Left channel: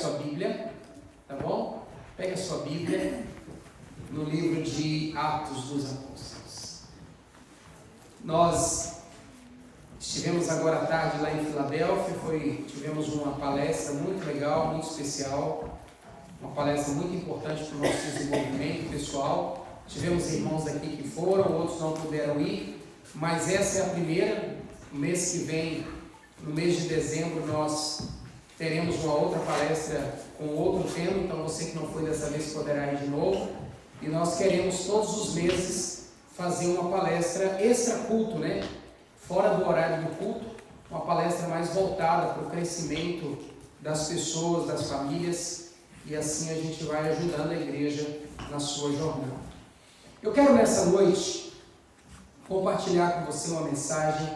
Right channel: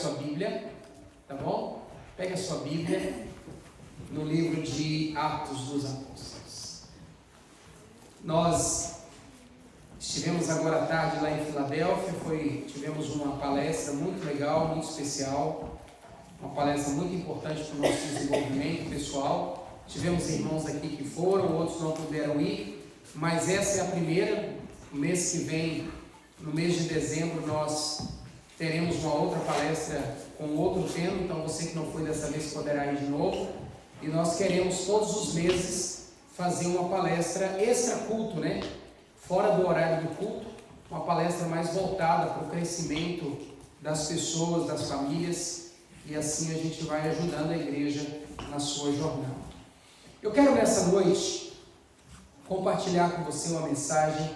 sua Bíblia, tá bom? Pegue a sua Bíblia no livro de Atos dos Apóstolos. Nós estivemos agora à tarde lá em Filadélfia, tivemos uma palestra muito legal, muito especial, uma palestra muito importante para o nosso desenvolvimento pessoal. Tivemos irmãos aqui que foram, outros não puderam ir, mas essa é a primeira. No mês que vem, no mês de dezembro, nós teremos uma outra palestra com outro tema, então você que não foi dessa vez poderá ir de novo. E nós queremos todos os meses fazer uma palestra extra culto, né? Fora do horário do culto, uma palestra mais voltada para o crescimento das pessoas, das famílias, e assim a gente vai ajudando a igreja na sua jornada. Eu quero nessa noite compartilhar com você uma mensagem,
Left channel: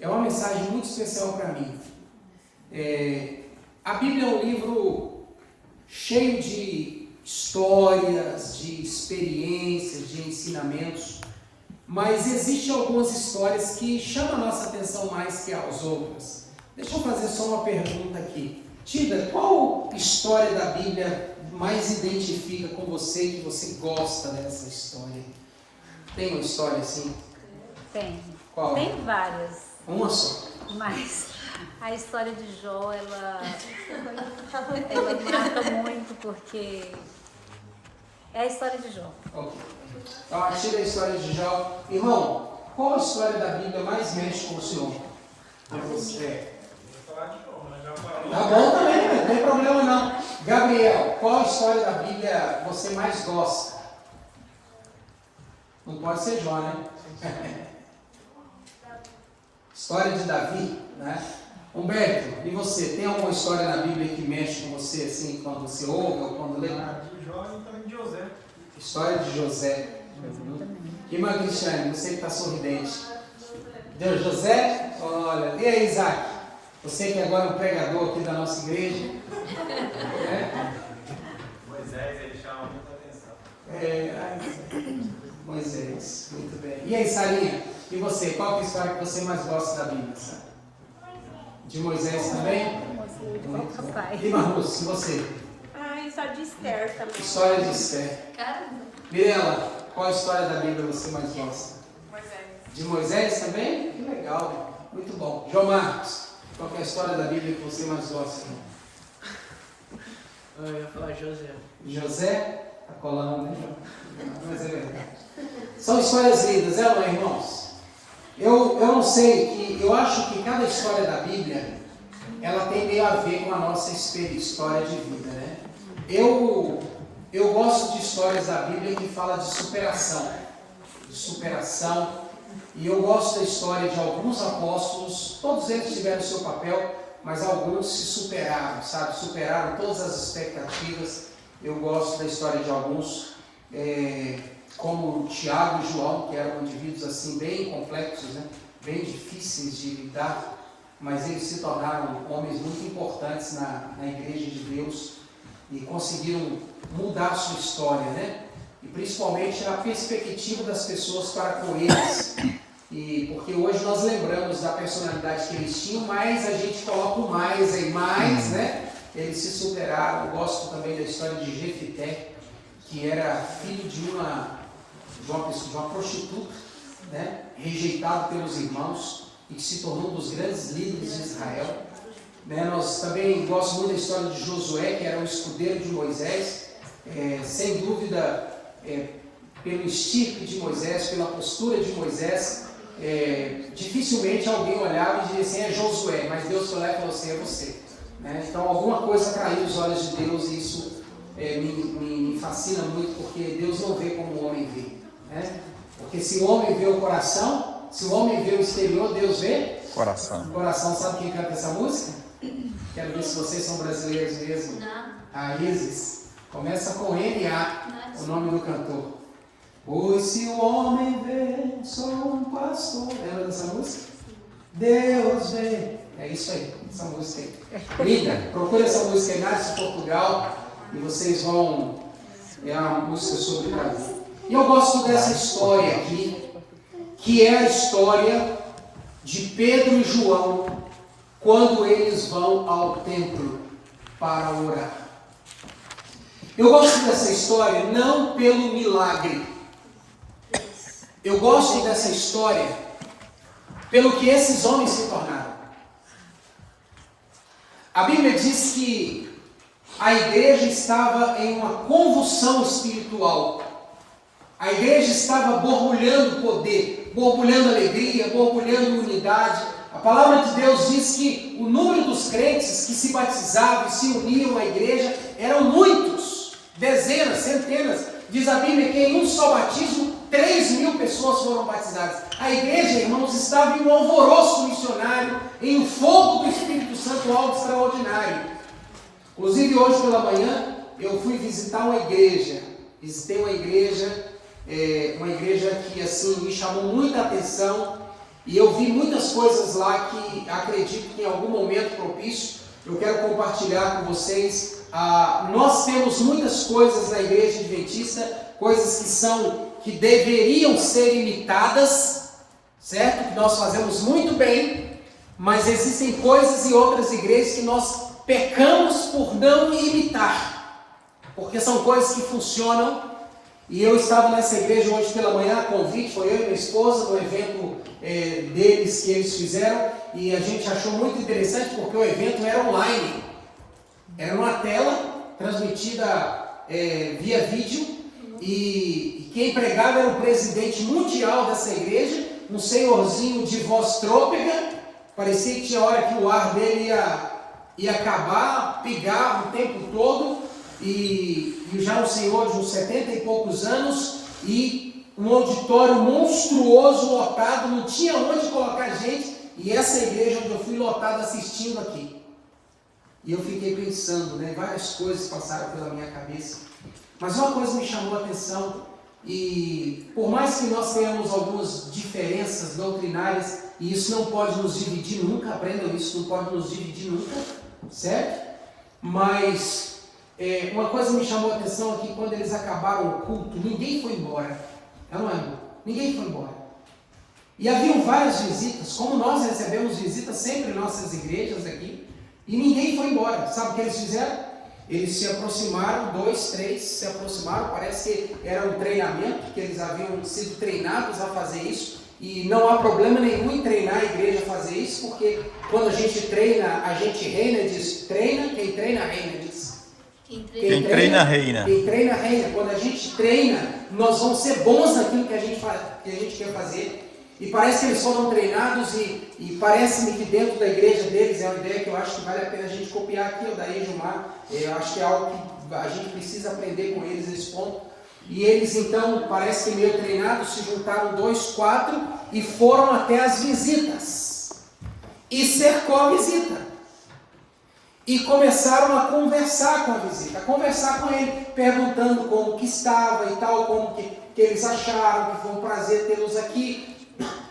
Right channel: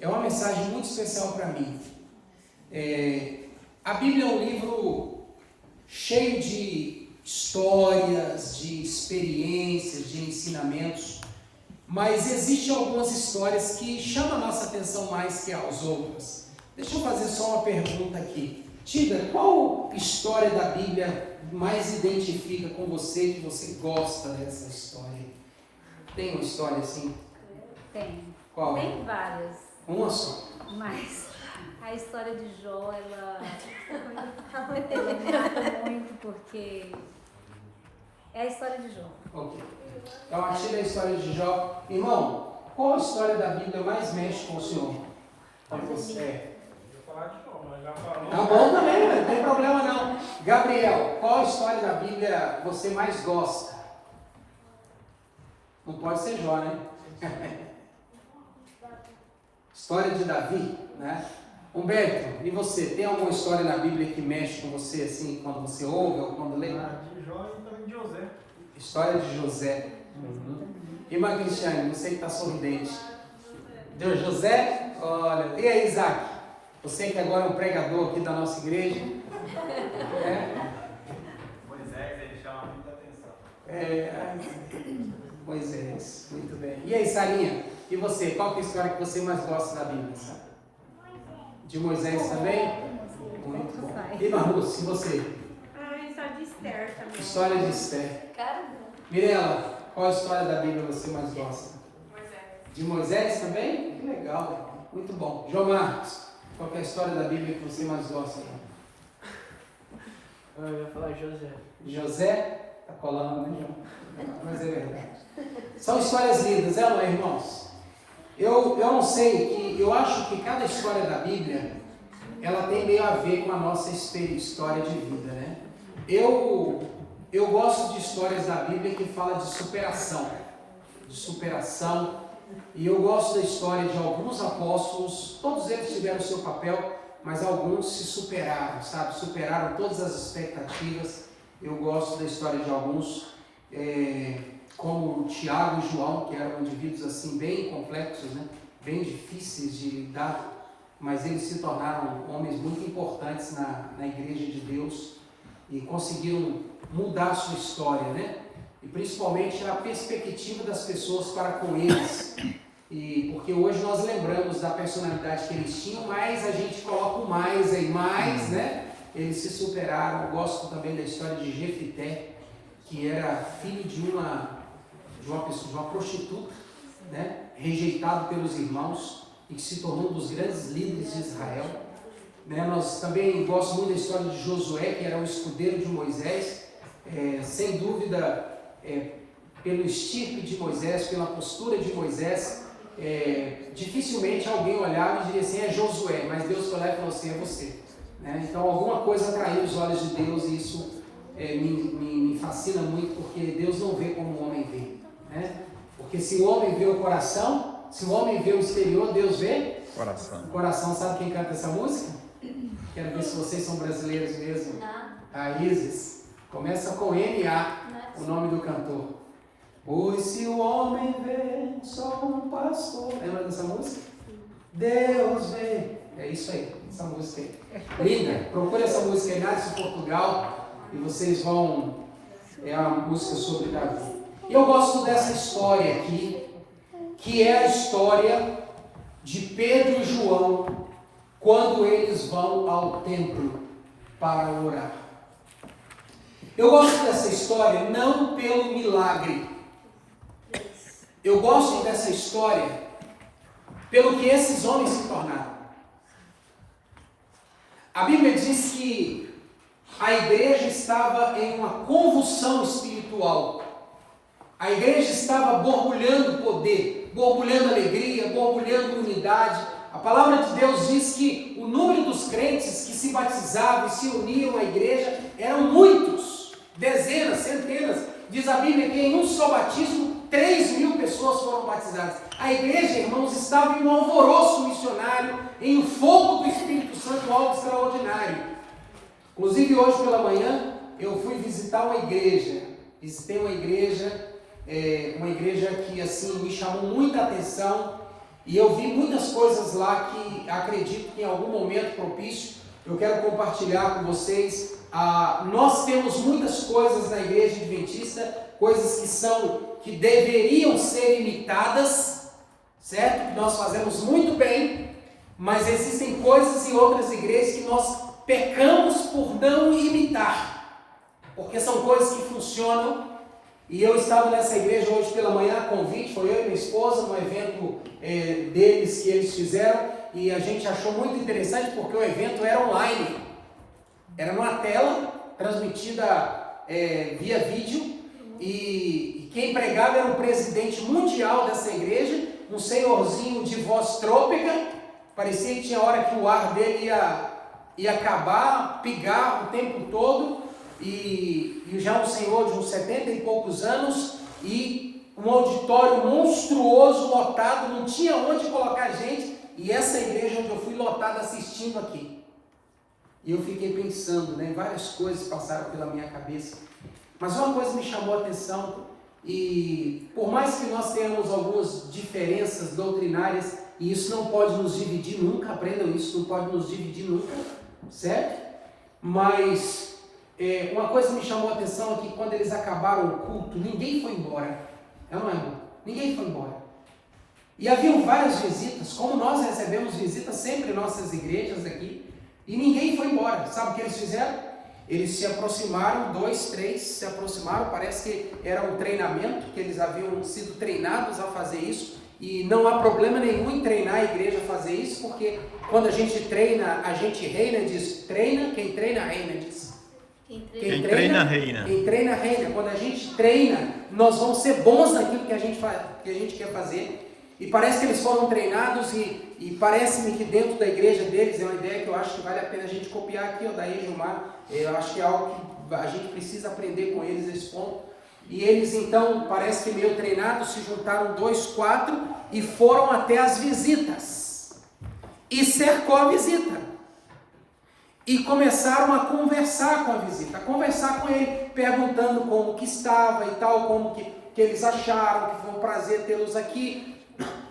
é uma mensagem muito especial para mim. A Bíblia é um livro cheio de histórias, de experiências, de ensinamentos, mas existem algumas histórias que chamam a nossa atenção mais que as outras. Deixa eu fazer só uma pergunta aqui. Tida, qual história da Bíblia mais identifica com você, que você gosta dessa história? Tem uma história assim? Tem. Qual? Tem várias. Uma só. Mas a história de Jó, ela me marca muito, porque é a história de Jó. Ok. Então, a Tida é a história de Jó. Irmão, qual a história da Bíblia mais mexe com o senhor? Com você? Tá bom também, não tem problema não. Gabriel, qual a história da Bíblia você mais gosta? Não pode ser Jó, né? História de Davi, né? Humberto, e você? Tem alguma história na Bíblia que mexe com você, assim, quando você ouve ou quando lê? De Jó e também de José. História de José. Irmã Cristiane, você que está sorridente. Deus, José? Olha, e aí, Isaac? Você que agora é um pregador aqui da nossa igreja. Moisés, ele chama muita atenção. Moisés, muito bem. E aí, Sarinha? E você? Qual é a história que você mais gosta da Bíblia? De Moisés também? Muito bom. E Marluz, e você? História de Esther também. História de Esther. Mirela, qual a história da Bíblia você mais gosta? Moisés. De Moisés também? Que legal, muito bom. João Marcos, qual é a história da Bíblia que você mais gosta? Eu ia falar José. José? Está colando, né, João? Mas é verdade. São histórias lindas, não é, irmãos? Eu não sei, eu acho que cada história da Bíblia, ela tem meio a ver com a nossa história de vida, né? Eu gosto de histórias da Bíblia que falam de superação, e eu gosto da história de alguns apóstolos. Todos eles tiveram o seu papel, mas alguns se superaram, sabe? Superaram todas as expectativas. Eu gosto da história de alguns, como Tiago e João, que eram indivíduos assim bem complexos, né? Bem difíceis de lidar, mas eles se tornaram homens muito importantes na igreja de Deus e conseguiram mudar a sua história, né? E principalmente a perspectiva das pessoas para com eles. E porque hoje nós lembramos da personalidade que eles tinham, mas a gente coloca o mais aí, né? Eles se superaram. Eu gosto também da história de Jefité, que era filho de uma prostituta, né? Rejeitado pelos irmãos e que se tornou um dos grandes líderes de Israel. Nós também gostamos muito da história de Josué, que era o escudeiro de Moisés. Sem dúvida, pelo estirpe de Moisés, pela postura de Moisés, dificilmente alguém olhava e diria assim, é Josué, mas Deus foi lá e falou assim, é você, né? Então alguma coisa atraiu os olhos de Deus, e isso me fascina muito, porque Deus não vê como o homem vê, né? Porque se o homem vê o coração, se o homem vê o exterior, Deus vê coração. Coração. Sabe quem canta essa música? Quero ver se vocês são brasileiros mesmo. A Isis. Começa com N.A., o nome do cantor. Pois se o homem vê só um pastor. Lembra dessa música? Deus vê. É isso aí, essa música aí. Linda. Procure essa música em Nápoles, Portugal, e vocês vão... É uma música sobre Davi. E eu gosto dessa história aqui, que é a história de Pedro e João, quando eles vão ao templo para orar. Eu gosto dessa história não pelo milagre. Eu gosto dessa história pelo que esses homens se tornaram. A Bíblia diz que a igreja estava em uma convulsão espiritual. A igreja estava borbulhando poder, borbulhando alegria, borbulhando unidade. A palavra de Deus diz que o número dos crentes que se batizavam e se uniam à igreja eram muitos, dezenas, centenas. Diz a Bíblia que em um só batismo 3.000 pessoas foram batizadas. A igreja, irmãos, estava em um alvoroço missionário, em um fogo do Espírito Santo algo extraordinário. Inclusive hoje pela manhã eu fui visitar uma igreja. Visitei uma igreja que assim me chamou muita atenção. E eu vi muitas coisas lá que acredito que em algum momento propício eu quero compartilhar com vocês. Nós temos muitas coisas na igreja adventista, coisas que deveriam ser imitadas, certo? Que nós fazemos muito bem, mas existem coisas em outras igrejas que nós pecamos por não imitar, porque são coisas que funcionam. E eu estava nessa igreja hoje pela manhã, a convite, foi eu e minha esposa, no evento deles que eles fizeram, e a gente achou muito interessante porque o evento era online, era uma tela transmitida via vídeo, e quem pregava era o presidente mundial dessa igreja, um senhorzinho de voz trôpega, parecia que tinha hora que o ar dele ia acabar, pigar o tempo todo, e já um senhor de uns 70 e poucos anos, e um auditório monstruoso, lotado, não tinha onde colocar gente, e essa igreja onde eu fui lotada assistindo aqui. E eu fiquei pensando, várias coisas passaram pela minha cabeça, mas uma coisa me chamou a atenção, e por mais que nós tenhamos algumas diferenças doutrinárias, e isso não pode nos dividir nunca, aprendam isso, não pode nos dividir nunca, certo? Mas uma coisa me chamou a atenção é que quando eles acabaram o culto, ninguém foi embora. Não é, amor? Ninguém foi embora. E haviam várias visitas, como nós recebemos visitas sempre em nossas igrejas aqui, e ninguém foi embora. Sabe o que eles fizeram? Eles se aproximaram, 2, 3 se aproximaram, parece que era um treinamento, que eles haviam sido treinados a fazer isso, e não há problema nenhum em treinar a igreja a fazer isso, porque quando a gente treina, a gente reina, diz treina, quem treina reina, diz. Quem treina, reina. Quem treina, reina. Quando a gente treina, nós vamos ser bons naquilo que a gente quer fazer. E parece que eles foram treinados e parece-me que dentro da igreja deles é uma ideia que eu acho que vale a pena a gente copiar aqui, daí, Gilmar. Eu acho que é algo que a gente precisa aprender com eles, esse ponto. E eles então, parece que meio treinados, se juntaram 2, 4 e foram até as visitas. E cercou a visita. E começaram a conversar com a visita, a conversar com ele, perguntando como que estava e tal, como que eles acharam, que foi um prazer tê-los aqui.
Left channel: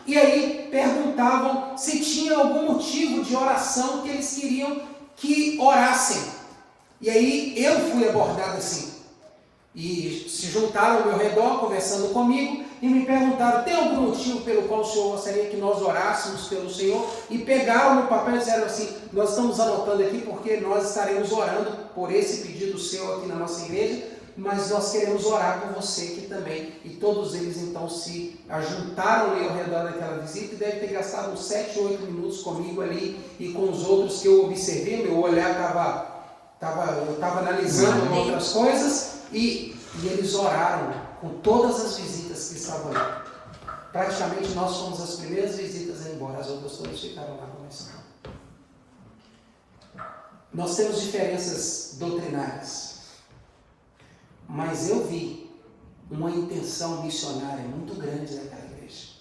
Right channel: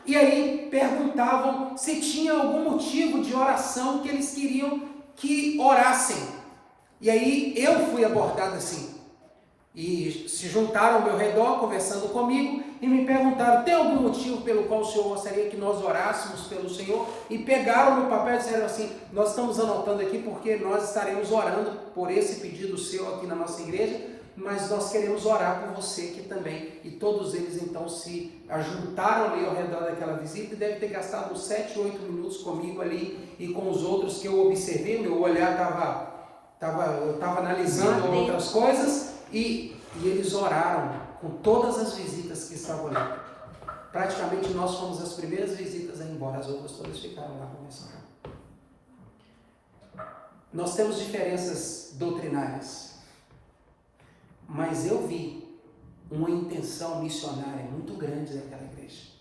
E aí perguntavam se tinha algum motivo de oração que eles queriam que orassem. E aí eu fui abordado assim. E se juntaram ao meu redor, conversando comigo, e me perguntaram, tem algum motivo pelo qual o Senhor gostaria que nós orássemos pelo Senhor? E pegaram no papel e disseram assim, nós estamos anotando aqui porque nós estaremos orando por esse pedido seu aqui na nossa igreja, mas nós queremos orar por você aqui também. E todos eles então se ajuntaram ali ao redor daquela visita e devem ter gastado uns 7, 8 minutos comigo ali e com os outros que eu observei, meu olhar eu estava analisando outras coisas. E eles oraram com todas as visitas que estavam ali. Praticamente nós fomos as primeiras visitas a ir embora, as outras todas ficaram lá conversando. Nós temos diferenças doutrinárias, mas eu vi uma intenção missionária muito grande daquela igreja,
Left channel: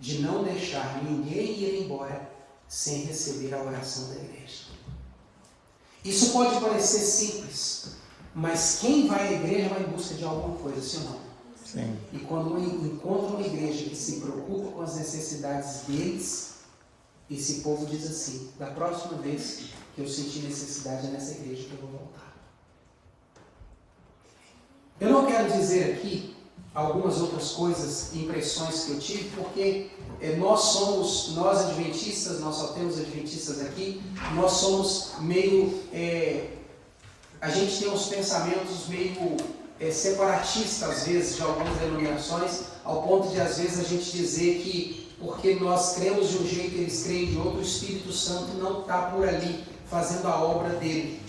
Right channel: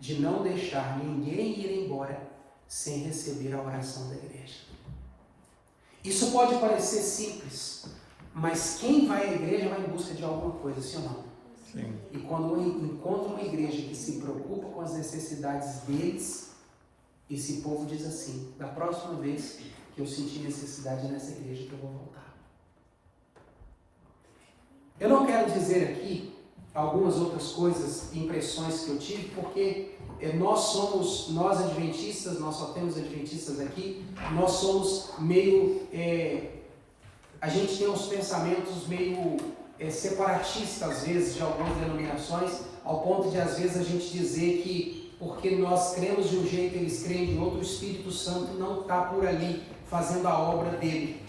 de não deixar ninguém ir embora sem receber a oração da igreja. Isso pode parecer simples, mas quem vai à igreja vai em busca de alguma coisa, sim ou não? Sim. E quando eu encontro uma igreja que se preocupa com as necessidades deles, esse povo diz assim, da próxima vez que eu sentir necessidade nessa igreja que eu vou voltar. Eu não quero dizer aqui algumas outras coisas, impressões que eu tive, porque nós adventistas, nós só temos adventistas aqui, nós somos meio a gente tem uns pensamentos meio separatistas, às vezes, de algumas denominações, ao ponto de, às vezes, a gente dizer que porque nós cremos de um jeito, eles creem de outro, o Espírito Santo não está por ali, fazendo a obra dele.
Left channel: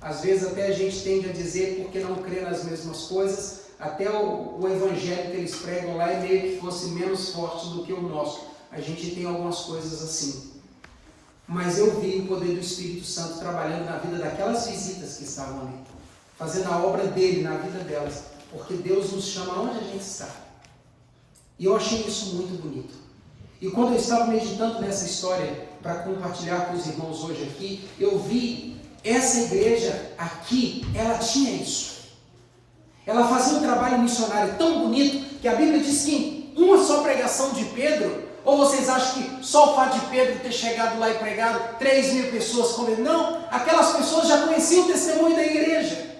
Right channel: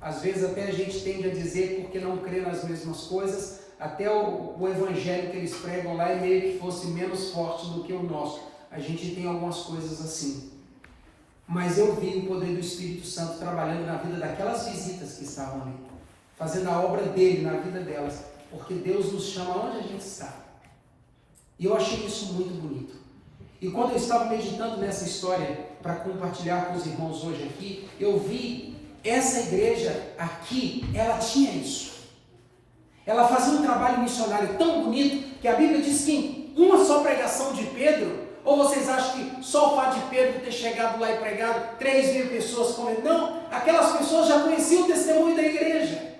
Às vezes até a gente tende a dizer, porque não crê nas mesmas coisas, até o evangelho que eles pregam lá é meio que fosse menos forte do que o nosso. A gente tem algumas coisas assim. Mas eu vi o poder do Espírito Santo trabalhando na vida daquelas visitas que estavam ali, fazendo a obra dele na vida delas, porque Deus nos chama onde a gente está. E eu achei isso muito bonito. E quando eu estava meditando nessa história para compartilhar com os irmãos hoje aqui, eu vi essa igreja aqui, ela tinha isso. Ela fazia um trabalho missionário tão bonito que a Bíblia diz que em uma só pregação de Pedro, ou vocês acham que só o fato de Pedro ter chegado lá e pregado 3.000 pessoas como ele? Não, aquelas pessoas já conheciam o testemunho da igreja.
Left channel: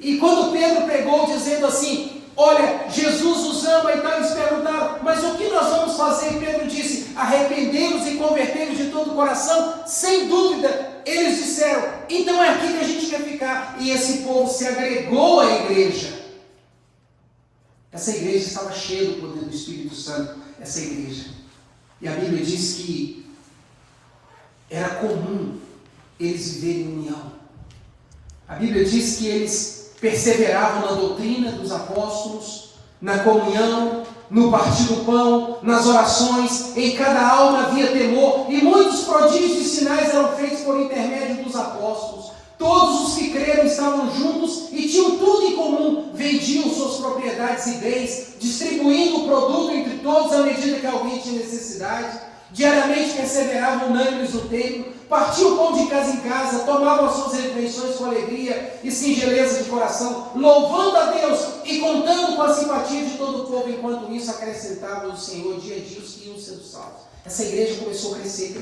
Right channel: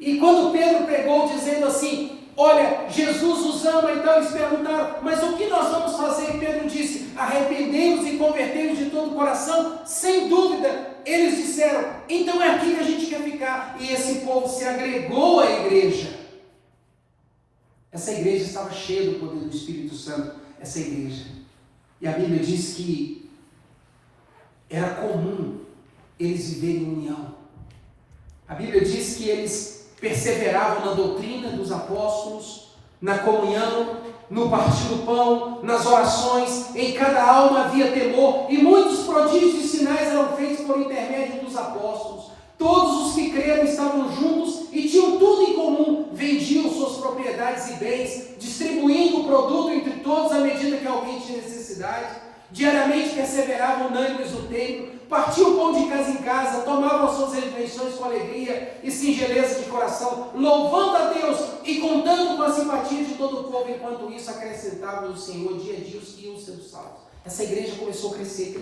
E quando Pedro pregou dizendo assim, olha, Jesus os ama, então eles perguntaram, mas o que nós vamos fazer? E Pedro disse, arrependei-vos e convertei-vos de todo o coração. Sem dúvida, eles disseram, então é aqui que a gente quer ficar. E esse povo se agregou à igreja. Essa igreja estava cheia do poder do Espírito Santo, essa igreja. E a Bíblia diz que era comum eles viverem em união. A Bíblia diz que eles perseveravam na doutrina dos apóstolos, na comunhão, no partir do pão, nas orações, em cada alma havia temor, e muitos prodígios e sinais eram feitos por intermédio dos apóstolos. Todos os que creram estavam juntos e tinham tudo em comum, vendiam suas propriedades e bens, distribuindo o produto entre todos à medida que alguém tinha necessidade. Diariamente perseveravam unânimes no templo, partiam o pão de casa em casa, tomavam as suas refeições com alegria e singeleza de coração, louvando a Deus e contando com a simpatia de todo o povo. Enquanto isso, acrescentava o Senhor dia a dia os que iam sendo salvos. Essa igreja começou a crescer.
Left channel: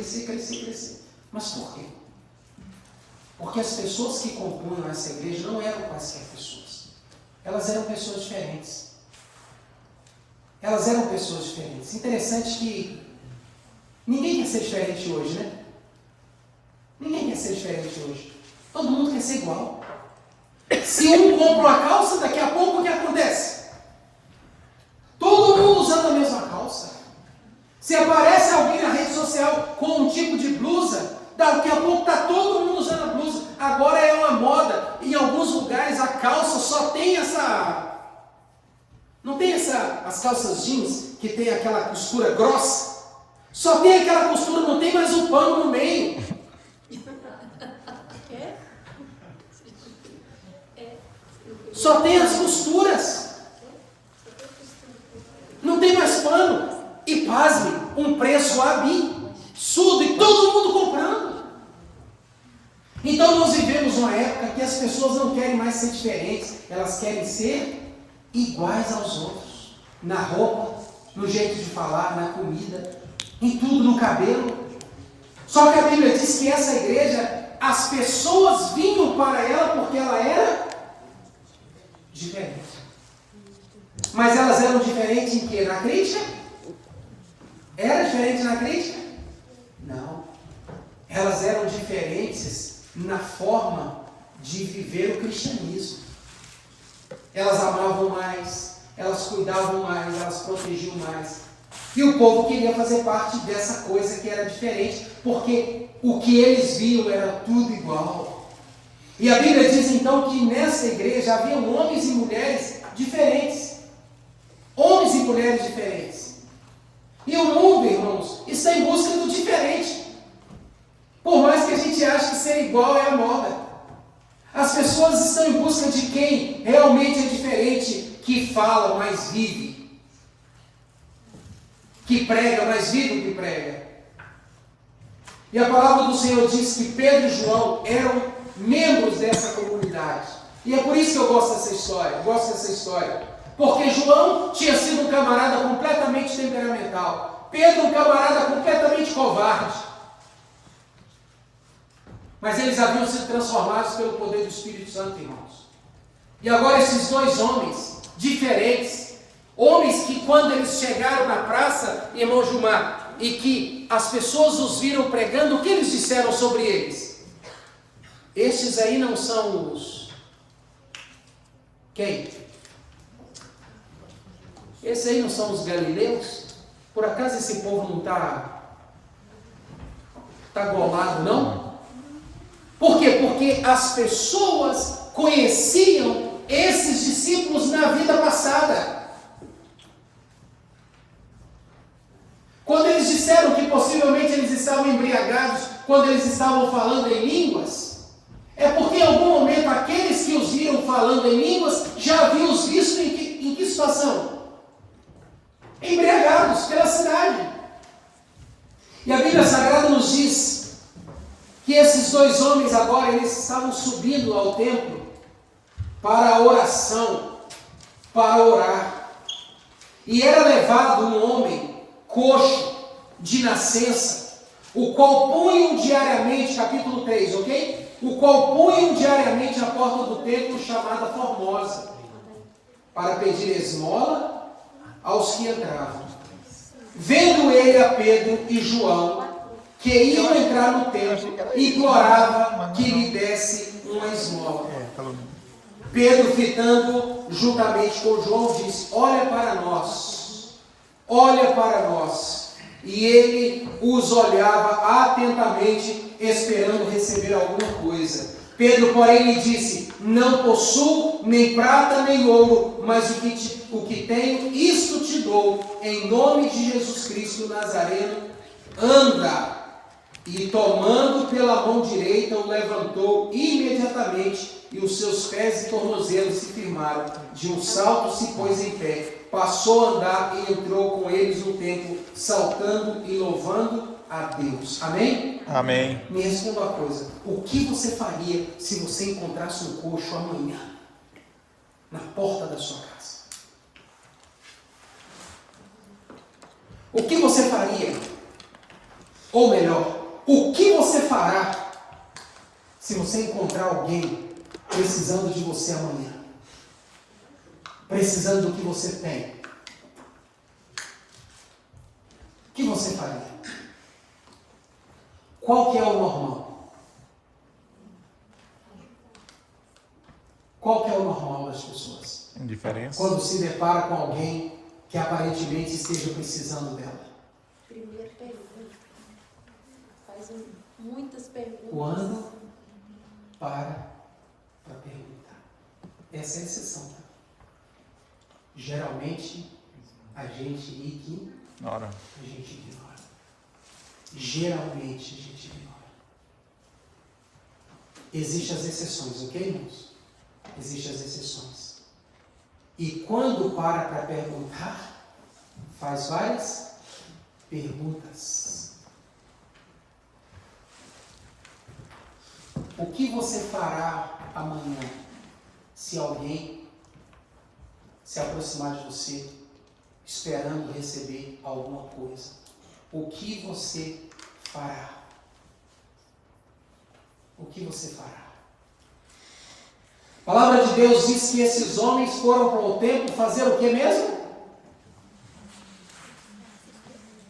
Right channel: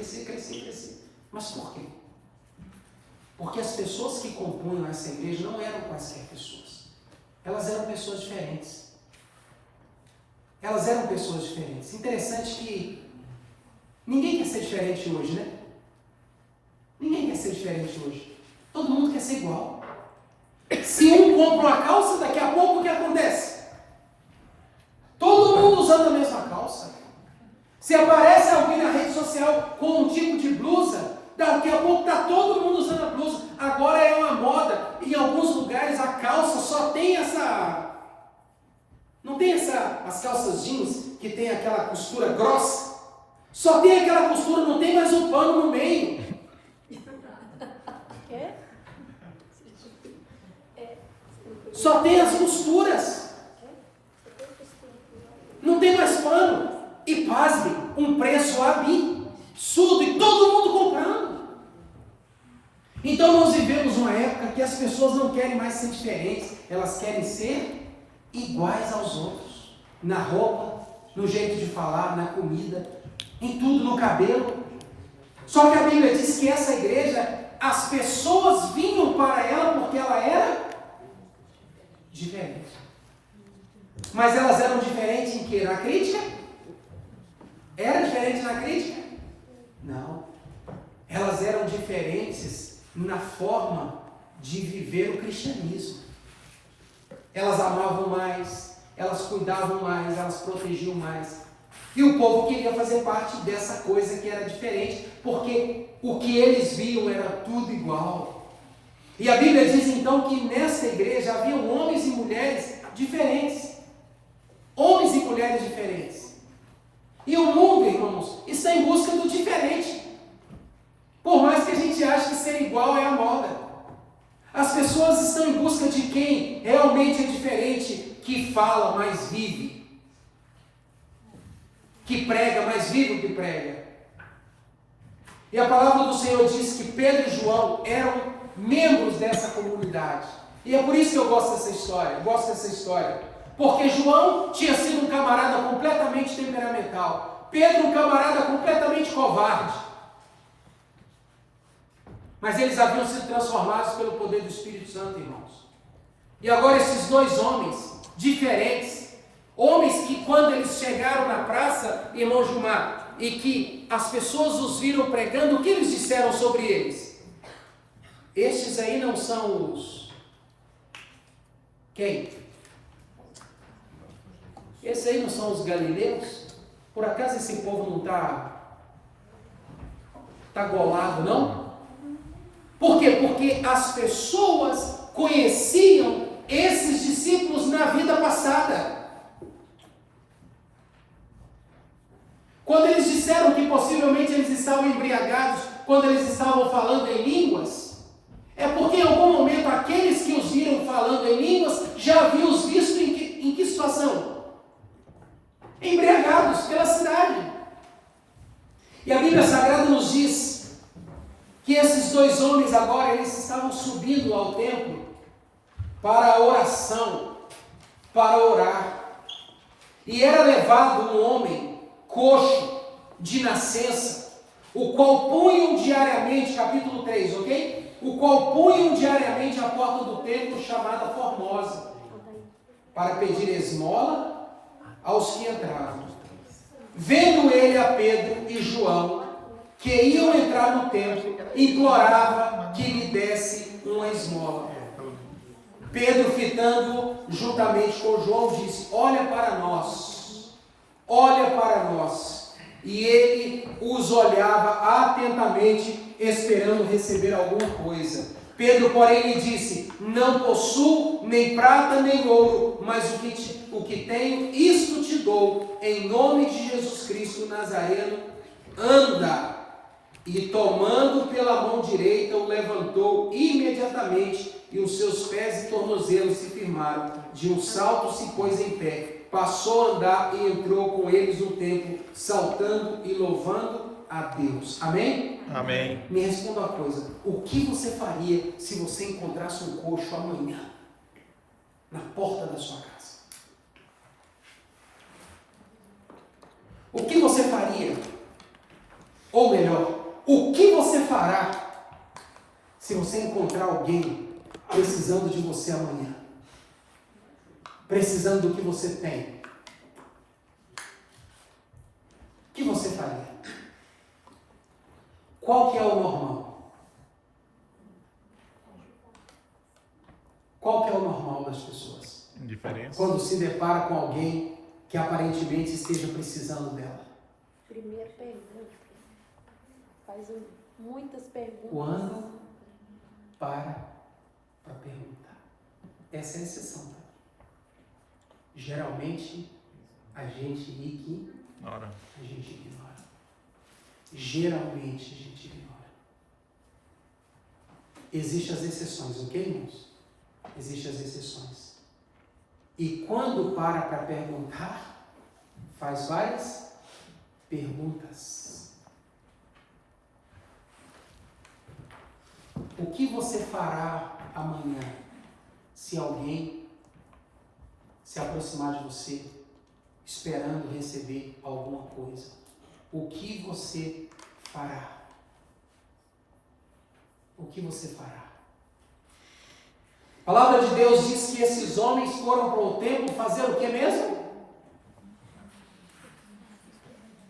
Mas por quê? Porque as pessoas que compunham essa igreja não eram quaisquer pessoas. Elas eram pessoas diferentes. Interessante que ninguém quer ser diferente hoje, né? Ninguém quer ser diferente hoje. Todo mundo quer ser igual. Se um compra uma calça, daqui a pouco o que acontece? Todo mundo usando a mesma calça. Se aparece alguém na rede social com um tipo de blusa, daqui a pouco está todo mundo usando a blusa. Agora é uma moda. Em alguns lugares a calça só tem essa... Não tem as calças jeans que tem aquela costura grossa? Só tem aquela costura, não tem mais um pano no meio. Só tem as costuras. Não tem mais pano. E pasme, um preço absurdo e todo mundo comprando. Então nós vivemos uma época que as pessoas não querem mais ser diferentes. Elas querem ser iguais aos outros. Na roupa, no jeito de falar, na comida, em tudo, no cabelo. Só que a Bíblia diz que essa igreja, as pessoas vinham para ela porque ela era diferente. Mas elas eram diferentes em quê? Na crítica? Era diferente na crítica? Não. Elas eram diferentes na forma de viver o cristianismo. Elas amavam mais, elas cuidavam mais, elas protegiam mais. E o povo queria fazer parte dessa coisa que era diferente, porque o que eles viam era tudo igual. E a Bíblia diz então que nessa igreja havia homens e mulheres diferentes. Homens e mulheres diferentes. E o mundo, irmãos, está em busca do diferente. Por mais que a gente ache que ser igual é a moda. As pessoas estão em busca de quem realmente é diferente, que fala, mas vive. Que prega, mas vive o que prega. E a palavra do Senhor diz que Pedro e João eram membros dessa comunidade. E é por isso que eu gosto dessa história. Porque João tinha sido um camarada completamente temperamental. Pedro, um camarada completamente covarde. Mas eles haviam sido transformados pelo poder do Espírito Santo, irmãos. E agora esses dois homens diferentes, homens que quando eles chegaram na praça, irmão Gilmar, e que as pessoas os viram pregando, o que eles disseram sobre eles? Estes aí não são os... Quem? Esses aí não são os galileus? Por acaso esse povo não está golado, não? Por quê? Porque as pessoas conheciam esses discípulos na vida passada. Quando eles disseram que possivelmente eles estavam embriagados, quando eles estavam falando em línguas, é porque em algum momento aqueles que os viram falando em línguas já haviam os visto em que situação? Embriagados pela cidade. E a Bíblia Sagrada nos diz que esses dois homens agora, eles estavam subindo ao templo para a oração, para orar. E era levado um homem coxo de nascença, o qual punham diariamente, capítulo 3, ok? O qual punham diariamente a porta do templo chamada Formosa, para pedir esmola aos que entravam. Vendo ele a Pedro e João, que iam entrar no templo, implorava que lhe desse uma esmola. Pedro, fitando juntamente com João, disse: olha para nós, olha para nós. E ele os olhava atentamente, esperando receber alguma coisa. Pedro, porém, lhe disse: não possuo nem prata nem ouro, mas o que tenho, isto te dou, em nome de Jesus Cristo Nazareno, anda. E tomando pela mão direita, o levantou imediatamente, e os seus pés e tornozelos se firmaram. De um salto se pôs em pé, passou a andar e entrou com eles no templo, saltando e louvando a Deus. Amém? Amém. Me responda uma coisa: o que você faria se você encontrasse um coxo amanhã na porta da sua casa? O que você faria? Ou melhor, o que você fará se você encontrar alguém precisando de você amanhã? Precisando do que você tem? O que você faria? Qual que é o normal? Qual que é o normal das pessoas? Indiferença. Quando se depara com alguém que aparentemente esteja precisando dela. Primeira pergunta. Faz muitas perguntas. Quando para perguntar. Essa é a exceção. Tá? Geralmente, a gente ignora. A gente ignora. Geralmente, a gente ignora. Existem as exceções, ok, irmãos? Existem as exceções. E quando para perguntar, faz várias perguntas. O que você fará amanhã se alguém se aproximar de você esperando receber alguma coisa? O que você fará? O que você fará? A palavra de Deus diz que esses homens foram para o templo fazer o que mesmo?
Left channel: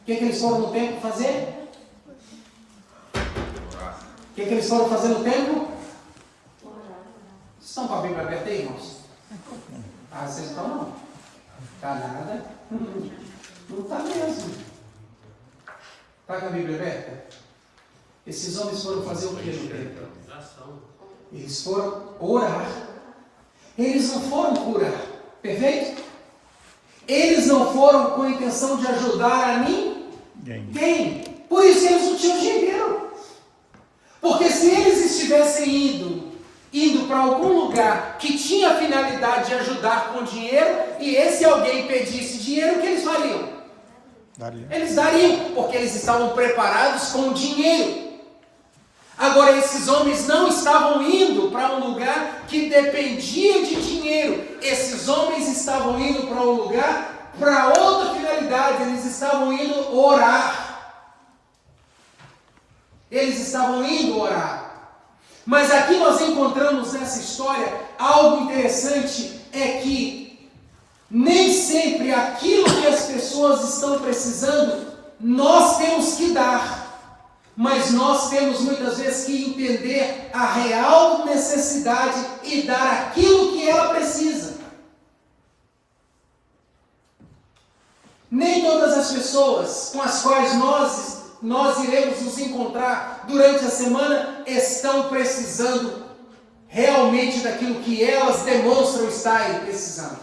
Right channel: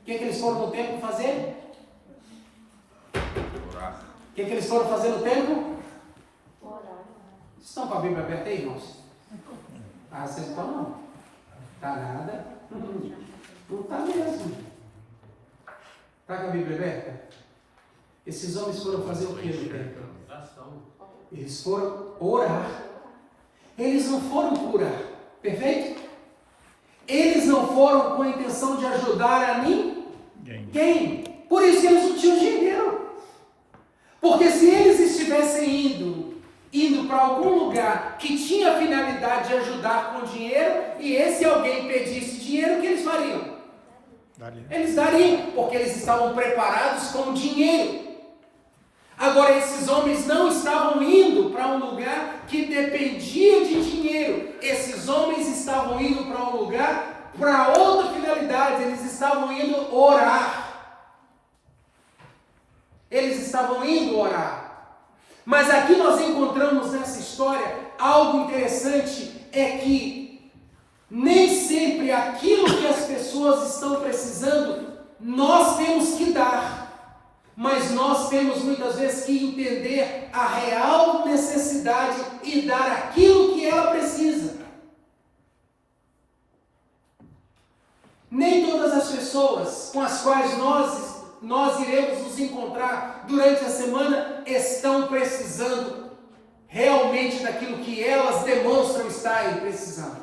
O que eles foram no templo fazer? Orar. O que eles foram fazer no templo? Orar. Estão com a Bíblia aberta aí, irmãos? Ah, vocês estão não. Tá nada? Não está mesmo. Está com a Bíblia aberta? Esses homens foram fazer o que no templo? Eles foram orar. Eles não foram curar. Perfeito? Eles não foram com a intenção de ajudar a ninguém. Por isso eles não tinham dinheiro. Porque se eles estivessem indo para algum lugar que tinha a finalidade de ajudar com dinheiro, e esse alguém pedisse dinheiro, o que eles fariam? Eles dariam, porque eles estavam preparados com o dinheiro. Agora, esses homens não estavam indo para um lugar que dependia de dinheiro. Esses homens estavam indo para um lugar para outra finalidade. Eles estavam indo orar. Eles estavam indo orar. Mas aqui nós encontramos nessa história algo interessante, é que nem sempre aquilo que as pessoas estão precisando, nós temos que dar. Mas nós temos muitas vezes que entender a real necessidade e dar aquilo que ela precisa. Nem todas as pessoas com as quais nós iremos nos encontrar durante a semana estão precisando realmente daquilo que elas demonstram estarem precisando.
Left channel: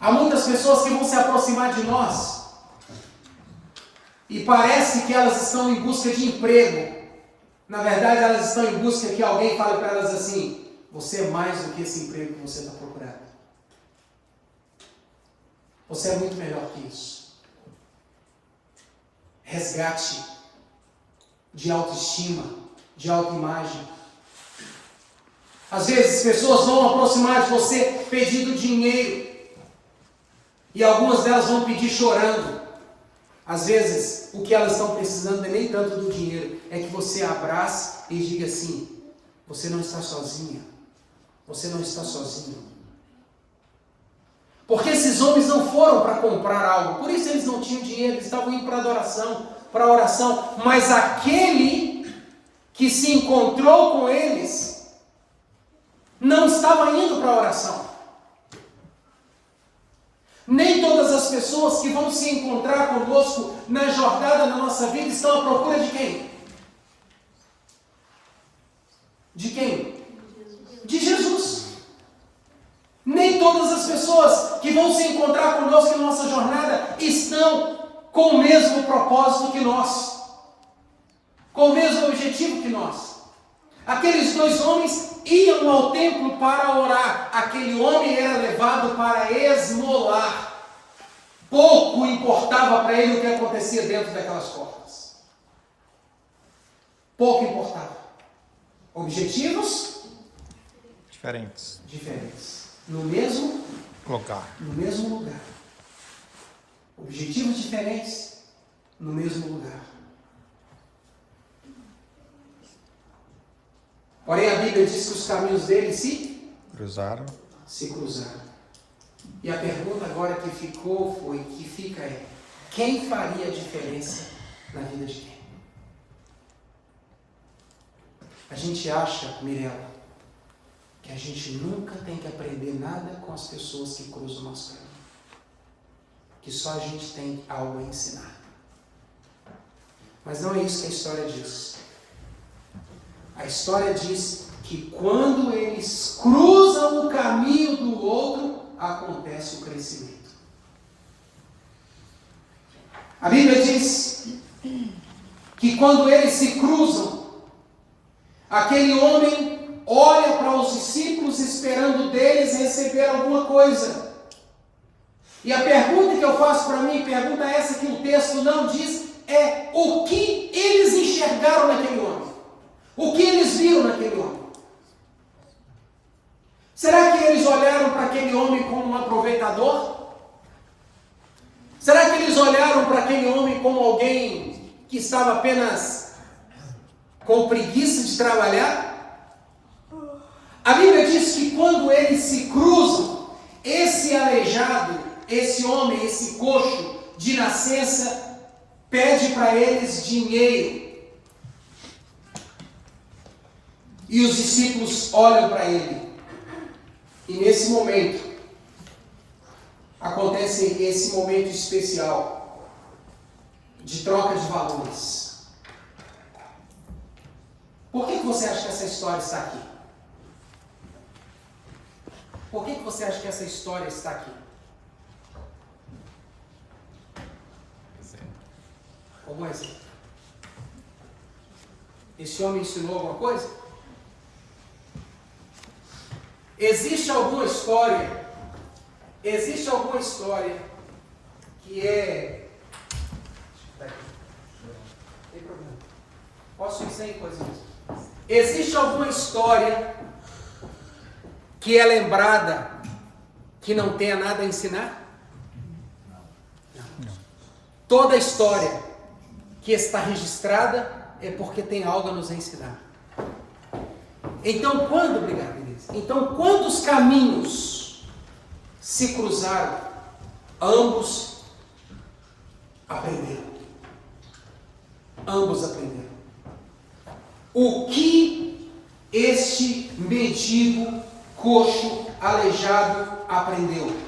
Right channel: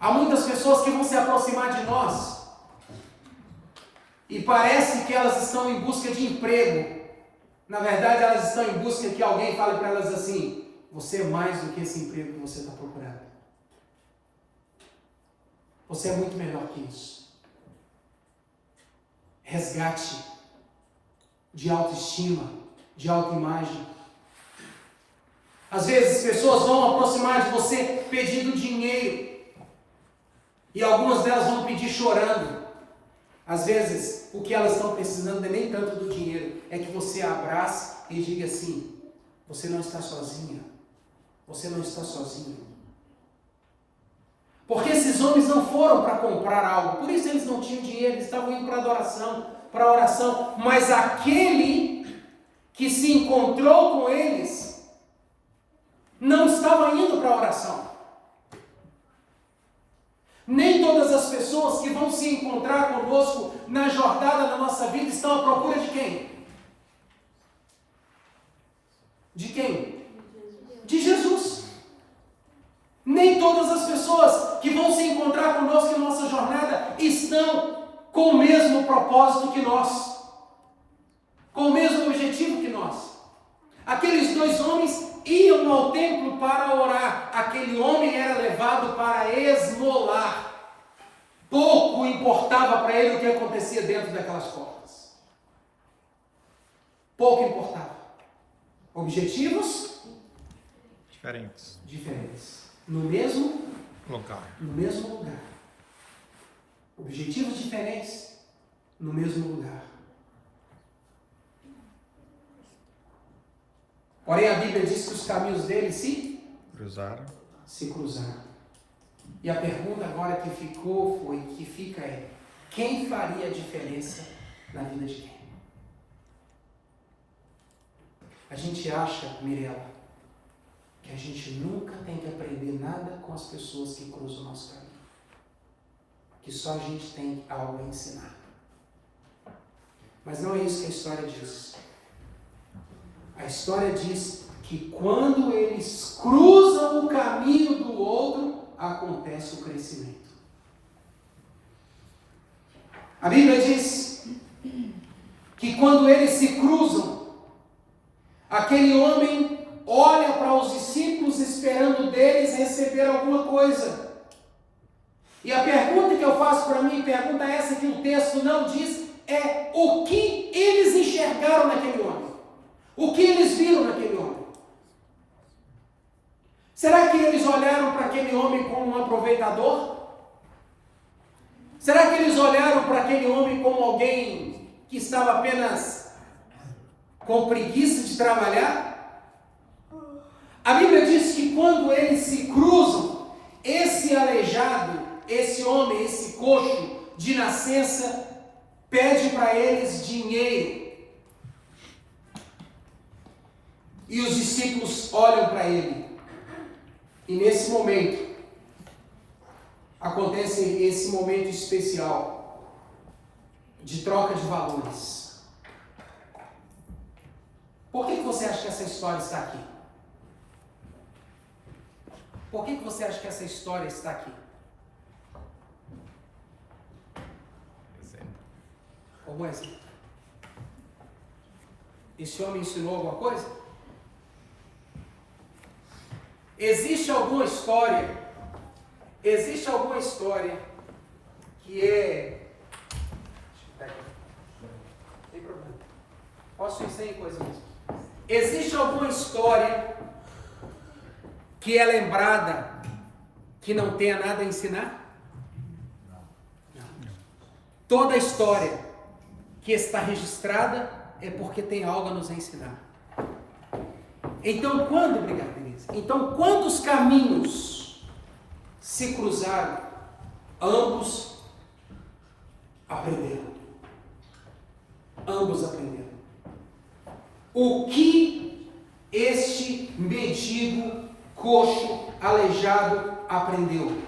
Há muitas pessoas que vão se aproximar de nós e parece que elas estão em busca de emprego. Na verdade, elas estão em busca que alguém fale para elas assim: você é mais do que esse emprego que você está procurando. Você é muito melhor que isso. Resgate de autoestima, de autoimagem. Às vezes, pessoas vão aproximar de você pedindo dinheiro. E algumas delas vão pedir chorando. Às vezes, o que elas estão precisando não é nem tanto do dinheiro, é que você abrace e diga assim: você não está sozinha. Você não está sozinho. Porque esses homens não foram para comprar algo, por isso eles não tinham dinheiro, eles estavam indo para adoração, para oração. Mas aquele que se encontrou com eles não estava indo para a oração. Nem todas as pessoas que vão se encontrar conosco na jornada da nossa vida estão à procura de quem? De quem? De Jesus. Nem todas as pessoas que vão se encontrar conosco em nossa jornada estão com o mesmo propósito que nós, com o mesmo objetivo que nós. Aqueles dois homens iam ao templo para orar. Aquele homem era levado para esmolar. Pouco importava para ele o que acontecia dentro daquelas portas. Pouco importava. Objetivos diferentes. No mesmo lugar. Objetivos diferentes no mesmo lugar. Porém, a Bíblia diz que os caminhos deles se cruzaram. E a pergunta agora que fica é: quem faria a diferença na vida de quem? A gente acha, Mirella, que a gente nunca tem que aprender nada com as pessoas que cruzam o nosso caminho. Que só a gente tem algo a ensinar. Mas não é isso que a história diz. A história diz que quando eles cruzam o caminho do outro, acontece o crescimento. A Bíblia diz que quando eles se cruzam, aquele homem olha para os discípulos esperando deles receber alguma coisa. E a pergunta que eu faço para mim, pergunta essa que o texto não diz, é o que eles enxergaram naquele homem. O que eles viram naquele homem? Será que eles olharam para aquele homem como um aproveitador? Será que eles olharam para aquele homem como alguém que estava apenas com preguiça de trabalhar? A Bíblia diz que quando eles se cruzam, esse aleijado, esse homem, esse coxo de nascença, pede para eles dinheiro. E os discípulos olham para ele. E nesse momento, acontece esse momento especial de troca de valores. Por que você acha que essa história está aqui? Por que você acha que essa história está aqui? Algum exemplo? Esse homem ensinou alguma coisa? Existe alguma história que é... Tem problema. Posso ir sem coisa mesmo. Existe alguma história que é lembrada que não tenha nada a ensinar? Não. Toda história que está registrada é porque tem algo a nos ensinar. Então, obrigado, Denise. Então, quando os caminhos se cruzaram, ambos aprenderam. Ambos aprenderam. O que este mendigo, coxo, aleijado aprendeu?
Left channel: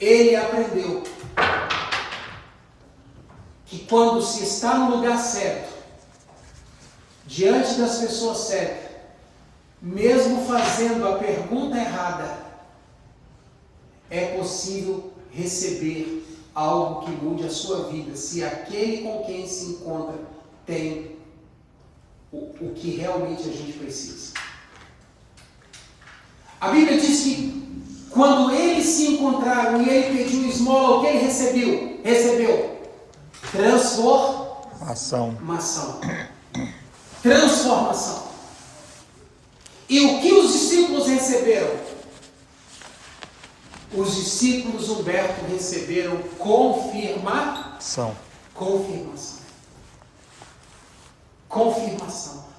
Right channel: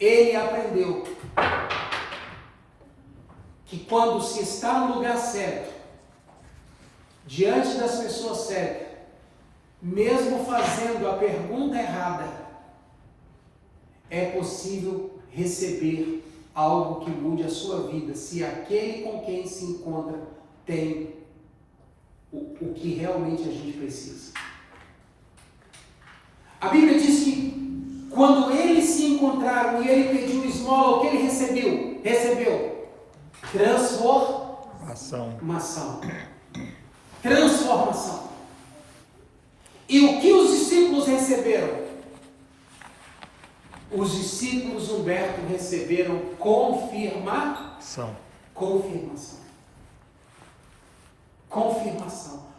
Ele aprendeu que quando se está no lugar certo, diante das pessoas certas, mesmo fazendo a pergunta errada, é possível receber algo que mude a sua vida, se aquele com quem se encontra tem o que realmente a gente precisa. A Bíblia diz que quando eles se encontraram e ele pediu esmola, o que ele recebeu? Transformação. Transformação. E o que os discípulos receberam? Os discípulos, Humberto, receberam confirmação.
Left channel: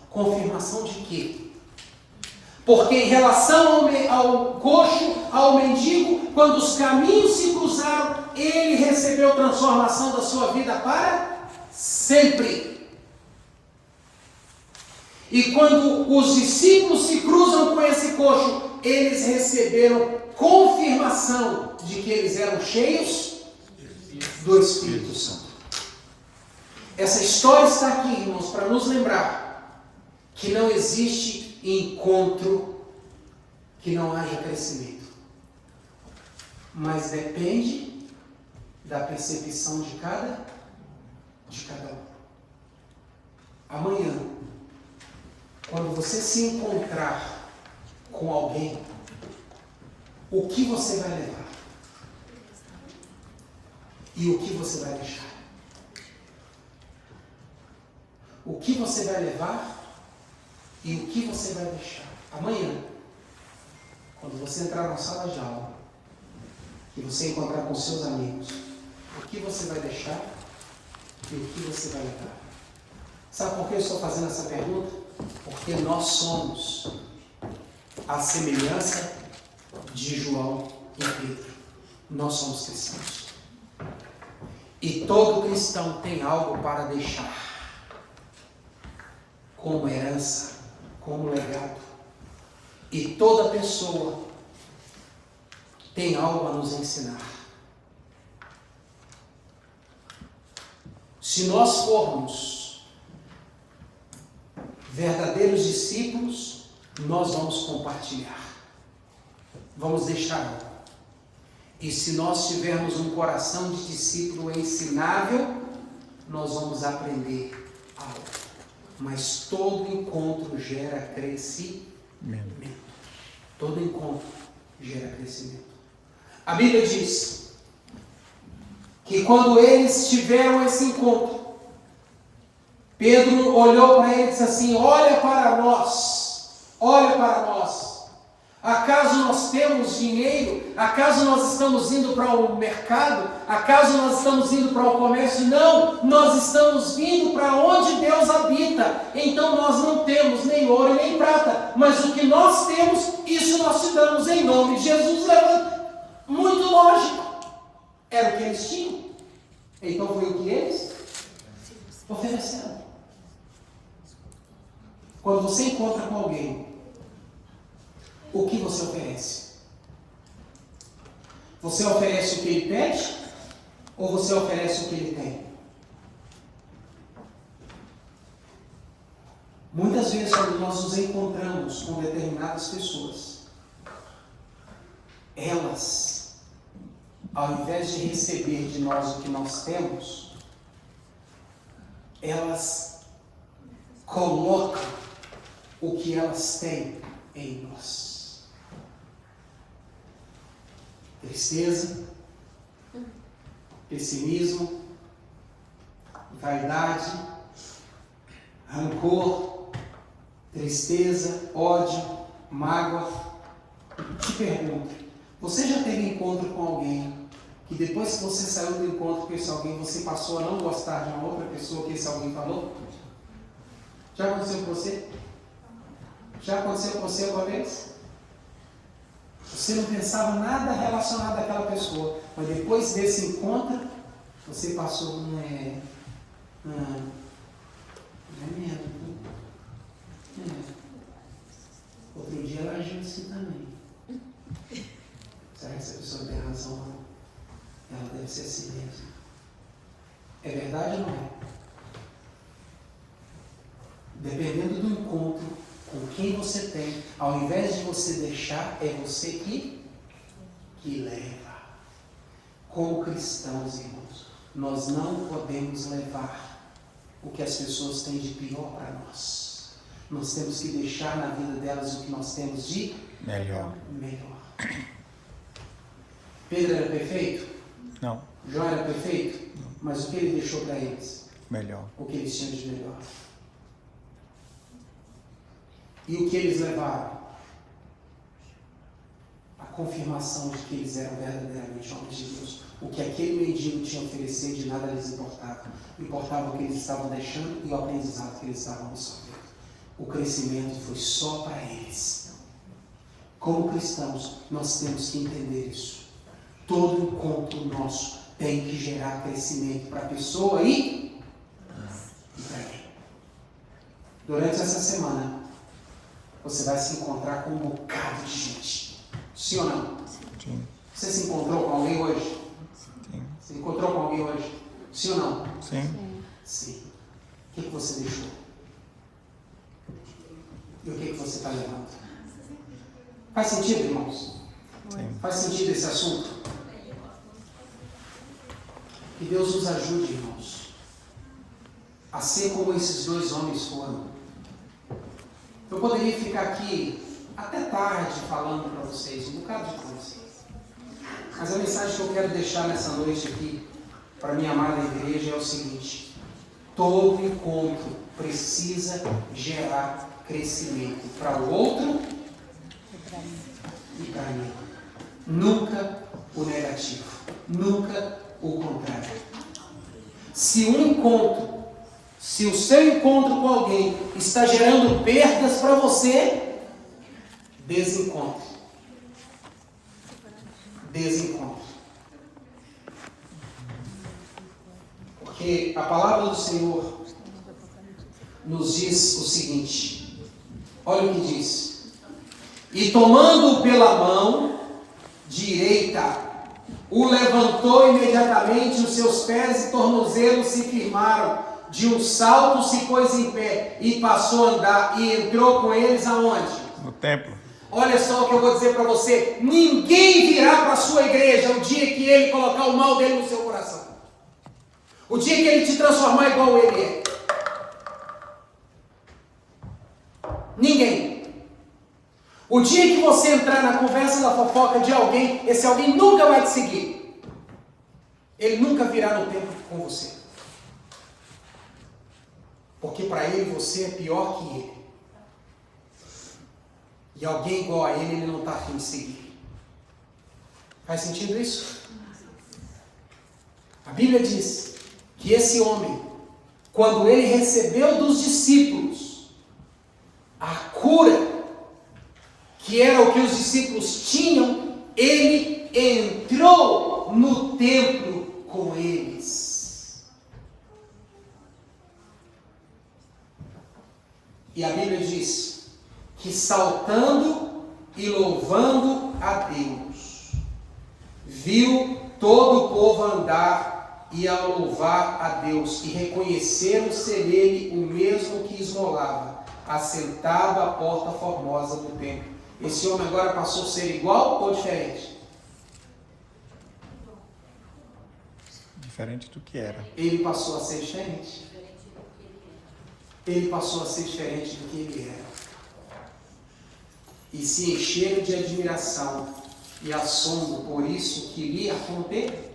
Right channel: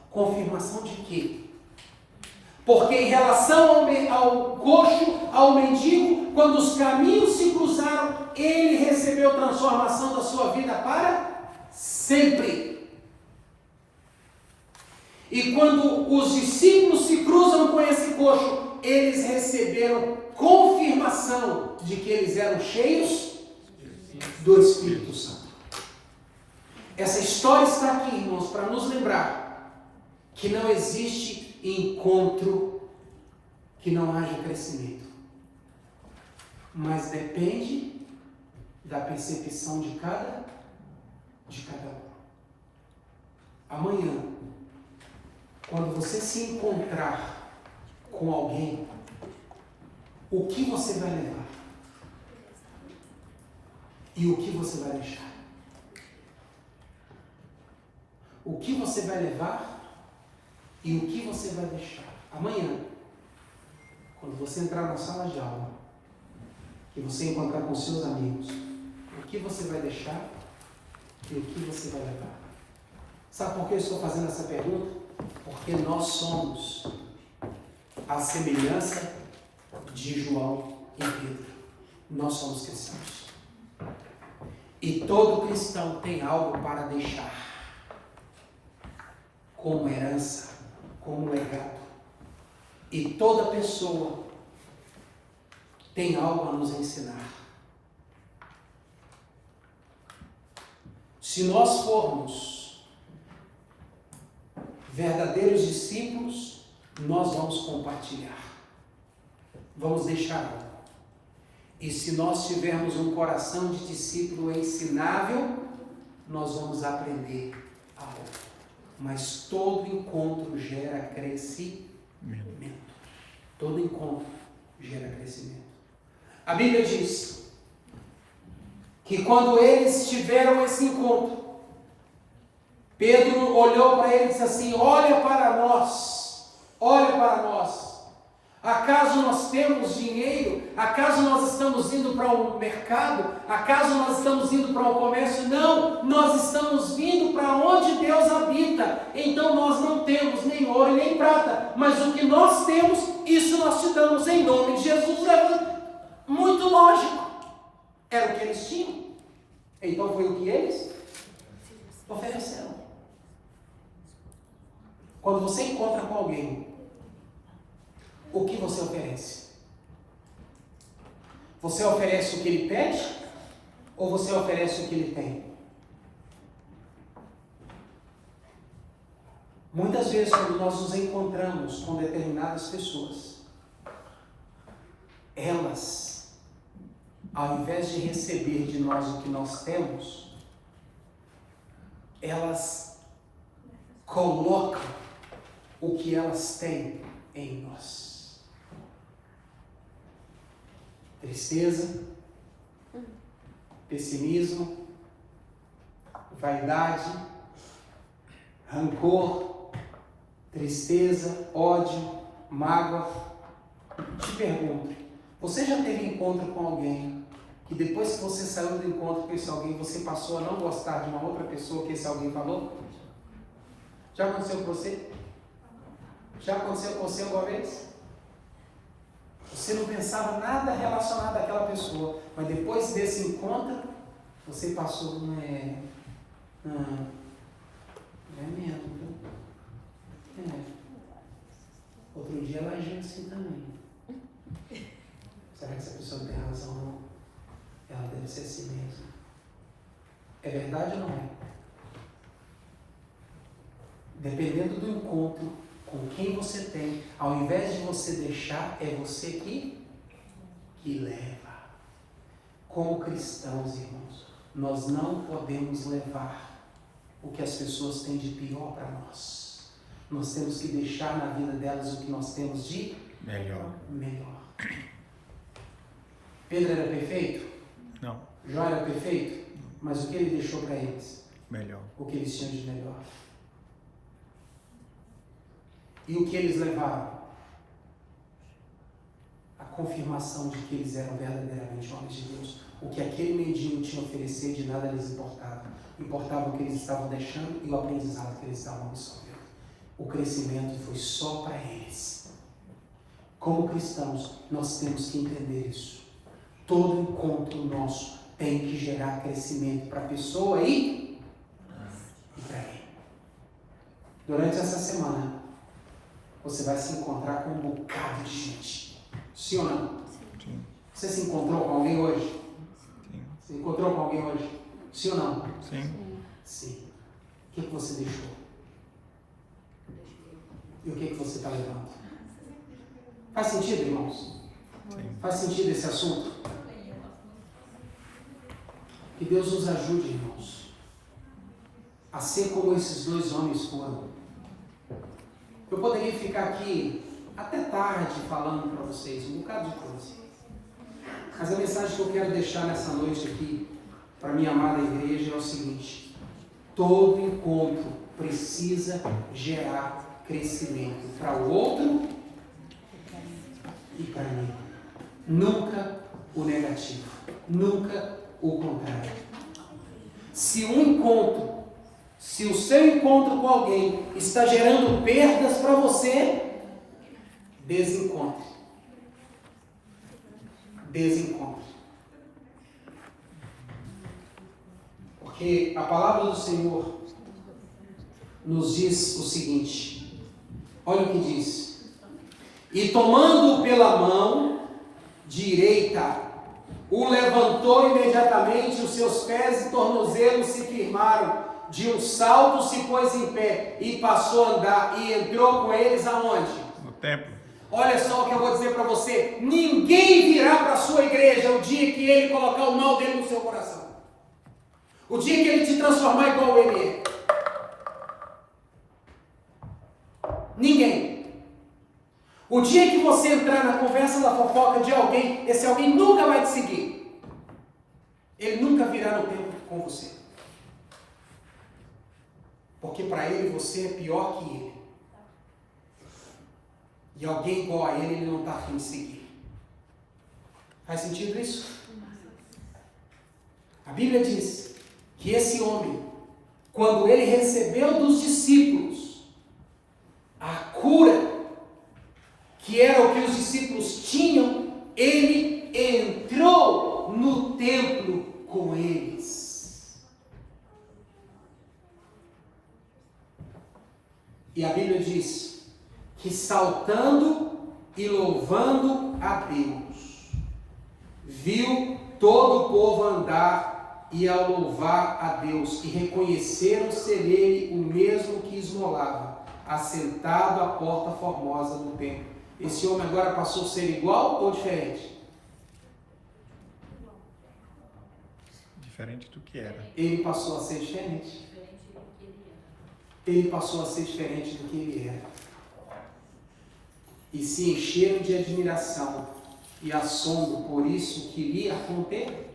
Confirmação de quê? Porque em relação ao coxo, ao mendigo, quando os caminhos se cruzaram, ele recebeu transformação da sua vida para sempre. E quando os discípulos se cruzam com esse coxo, eles receberam confirmação de que eles eram cheios do Espírito Santo. Essa história está aqui, irmãos, para nos lembrar que não existe encontro que não haja crescimento. Mas depende da percepção de cada um. Amanhã, quando você se encontrar com alguém, o que você vai levar? E o que você vai deixar? O que você vai levar e o que você vai deixar? Amanhã, quando você entrar na sala de aula, e você encontrar com seus amigos, o que você vai deixar e o que você vai levar? Sabe por que eu estou fazendo essa pergunta? Porque nós somos a semelhança de João e Pedro. Nós somos cristãos. E todo cristão tem algo para deixar, como herança, como legado. E toda pessoa tem algo a nos ensinar. Se nós formos verdadeiros discípulos, nós vamos compartilhar. Vamos deixar algo. E se nós tivermos um coração de discípulo ensinável, nós vamos aprender algo. Mas todo encontro gera crescimento. Todo encontro gera crescimento. A Bíblia diz que quando eles tiveram esse encontro, Pedro olhou para ele e disse assim: olha para nós, acaso nós temos dinheiro? Acaso nós estamos indo para um mercado? Acaso nós estamos indo para um comércio? Não, nós estamos vindo para onde Deus habita. Então nós não temos nem ouro nem prata, mas o que nós temos, isso nós te damos em nome de Jesus. Era muito lógico, era o que eles tinham. Então foi o que eles ofereceram. Quando você encontra com alguém, o que você oferece? Você oferece o que ele pede? Ou você oferece o que ele tem? Muitas vezes, quando nós nos encontramos com determinadas pessoas, elas, ao invés de receber de nós o que nós temos, elas colocam o que elas têm em nós. Tristeza, pessimismo, vaidade, rancor, tristeza, ódio, mágoa. Te pergunto, você já teve encontro com alguém que depois que você saiu do encontro com esse alguém, você passou a não gostar de uma outra pessoa que esse alguém falou? Já aconteceu com você? Já aconteceu com você alguma vez? Você não pensava nada relacionado àquela pessoa, mas depois desse encontro, você passou, Não é medo, viu? Outro dia ela agiu assim também. Será que essa pessoa não tem razão, não? Ela deve ser assim mesmo. É verdade ou não é? Dependendo do encontro com quem você tem, ao invés de você deixar, é você que leva. Como cristãos, irmãos, nós não podemos levar o que as pessoas têm de pior para nós. Nós temos que deixar na vida delas o que nós temos de melhor. Pedro era perfeito? Não. Jó era perfeito? Não. Mas o que ele deixou para eles? Melhor. O que eles tinham de melhor. E o que eles levaram? A confirmação de que eles eram verdadeiramente homens de Deus. O que aquele mendigo tinha a oferecer, de nada lhes importava. Importava o que eles estavam deixando e o aprendizado que eles estavam absorvendo. O crescimento foi só para eles. Como cristãos, nós temos que entender isso. Todo encontro nosso tem que gerar crescimento para a pessoa e para ele. Durante essa semana, você vai se encontrar com um bocado de gente. Sim ou não? Sim. Você se encontrou com alguém hoje? Sim. Você encontrou com alguém hoje? Sim ou não? Sim. Sim. O que você deixou? E o que você está levando? Faz sentido, irmãos? Sim. Faz sentido esse assunto? Que Deus nos ajude, irmãos. A ser como esses dois homens foram. Eu poderia ficar aqui até tarde falando para vocês um bocado de coisa. Mas a mensagem que eu quero deixar nessa noite aqui, para minha amada igreja, é o seguinte: todo encontro precisa gerar crescimento para o outro e para mim. Nunca o negativo, nunca o contrário. Se o seu encontro com alguém está gerando perdas para você, desencontre. Porque a palavra do Senhor nos diz o seguinte, olha o que diz: e tomando-o pela mão direita, o levantou imediatamente, os seus pés e tornozelos se firmaram, de um salto se pôs em pé e passou a andar, e entrou com eles aonde? No templo. Olha só o que eu vou dizer para você: ninguém virá para a sua igreja o dia que ele colocar o mal dele no seu coração, o dia que ele te transformar igual ele é. Ninguém. O dia que você entrar na conversa da fofoca de alguém, esse alguém nunca vai te seguir. Ele nunca virá no templo com você. Porque para ele você é pior que ele. E alguém igual a ele não está afim de seguir. Faz sentido isso? A Bíblia diz que esse homem, quando ele recebeu dos discípulos a cura, que era o que os discípulos tinham, ele entrou no templo com eles. E a Bíblia diz que saltando e louvando a Deus, viu todo o povo andar e a louvar a Deus, e reconheceram ser ele o mesmo que esmolava, assentado à porta formosa do templo. Esse homem agora passou a ser igual ou diferente? Diferente do que era. Ele passou a ser diferente. Ele passou a ser diferente do que ele era. E se encheram de admiração e assombro por isso que lhe acontecera.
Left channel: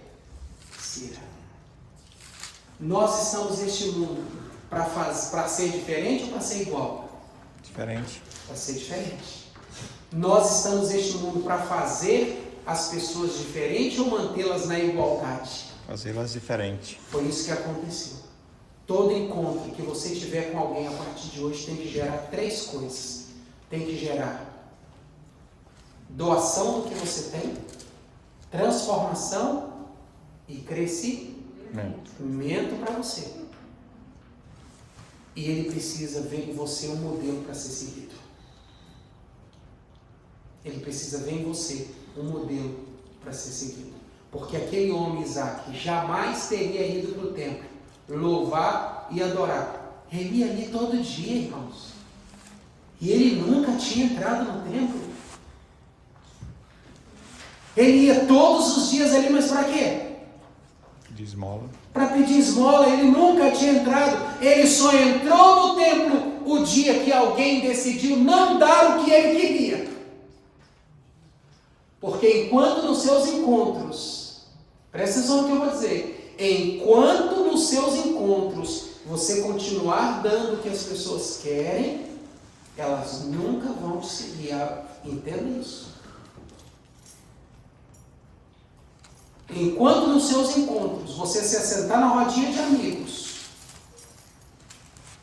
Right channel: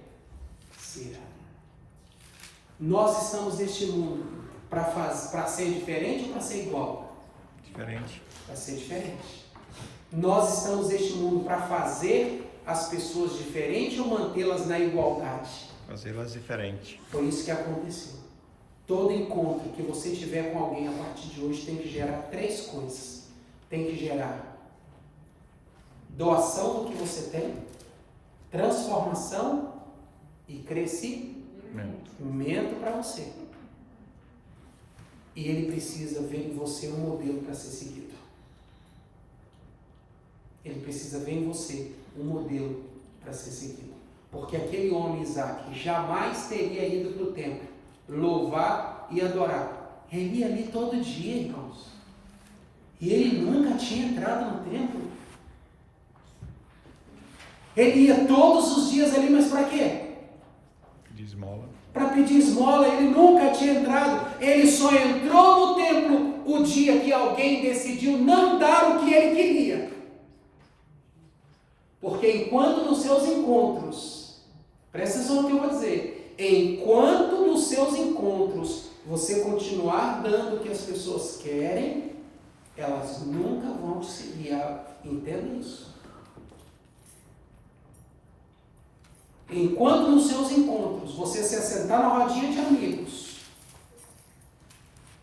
Nós estamos neste mundo para ser diferente ou para ser igual? Diferente. Para ser diferente. Nós estamos neste mundo para fazer as pessoas diferentes ou mantê-las na igualdade? Fazê-las diferentes. Foi isso que aconteceu. Todo encontro que você tiver com alguém a partir de hoje tem que gerar 3 coisas. Tem que gerar doação do que você tem, transformação e crescimento para você. E ele precisa ver em você um modelo para ser seguido. Ele precisa ver em você um modelo para ser seguido. Porque aquele homem, Isaac, jamais teria ido para o templo louvar e adorar. Ele ia ali todo dia, irmãos. E ele nunca tinha entrado no templo. Ele ia todos os dias ali, mas para quê? De esmola. Para pedir esmola. Ele nunca tinha entrado. Ele só entrou no templo o dia que alguém decidiu não dar o que ele queria. Porque enquanto nos seus encontros, presta atenção no que eu vou dizer, enquanto nos seus encontros você continuar dando o que as pessoas querem, elas nunca vão te seguir. Entenda isso. Enquanto nos seus encontros você se assentar na rodinha de amigos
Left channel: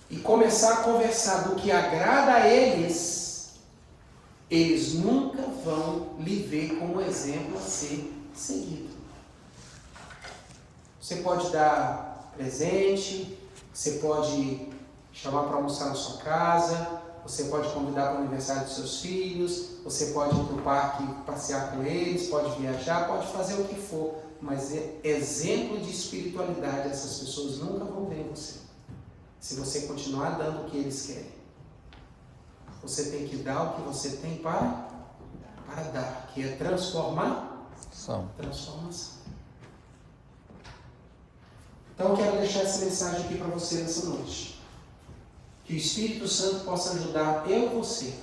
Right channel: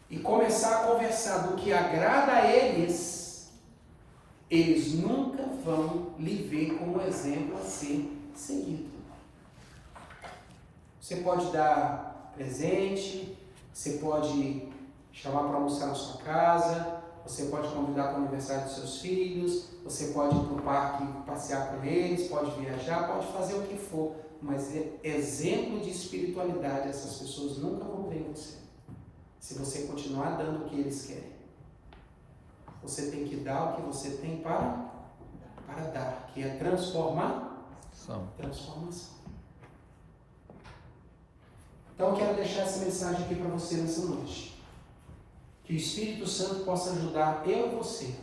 e começar a conversar do que agrada a eles, eles nunca vão lhe ver como exemplo a ser seguido. Você pode dar presente, você pode chamar para almoçar na sua casa, você pode convidar para o aniversário dos seus filhos, você pode ir para o parque passear com eles, pode viajar, pode fazer o que for, mas exemplo de espiritualidade essas pessoas nunca vão ver em você. Se você continuar dando o que eles querem. Você tem que dar o que você tem para dar, que é transformação. Então eu quero deixar essa mensagem aqui para você nessa noite. Que o Espírito Santo possa ajudar eu e você,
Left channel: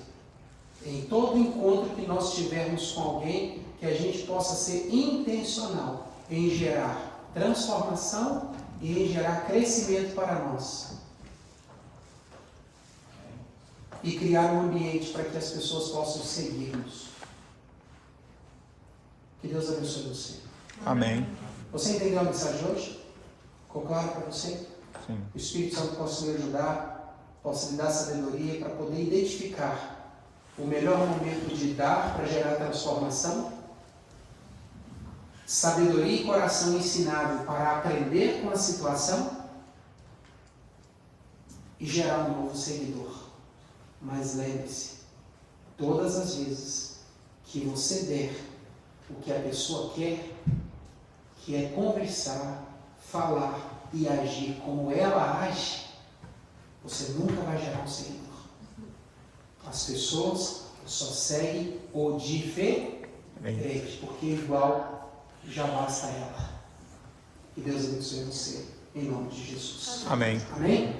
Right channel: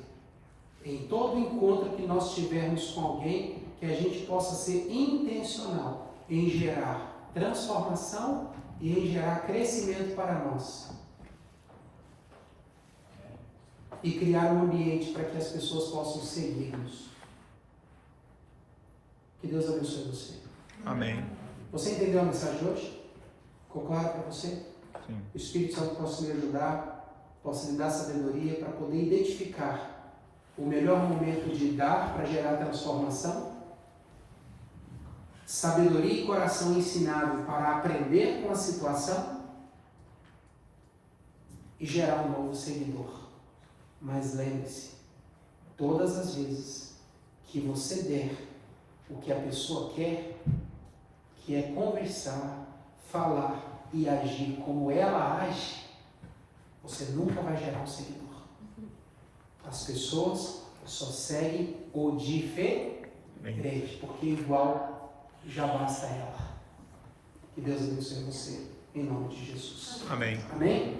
em todo encontro que nós tivermos com alguém, que a gente possa ser intencional em gerar transformação e em gerar crescimento para nós. E criar um ambiente para que as pessoas possam seguir-nos. Que Deus abençoe você. Amém. Você entendeu a mensagem de hoje? Ficou claro para você? Sim. O Espírito Santo possa me ajudar, possa lhe dar sabedoria para poder identificar o melhor momento de dar para gerar transformação, sabedoria e coração ensinável para aprender com a situação e gerar um novo seguidor. Mas lembre-se, todas as vezes que você der o que a pessoa quer, que é conversar, falar e agir como ela age, você nunca vai gerar um seguidor. As pessoas só seguem o diferente, porque igual já basta ela. Que Deus abençoe você, em nome de Jesus. Amém. Amém?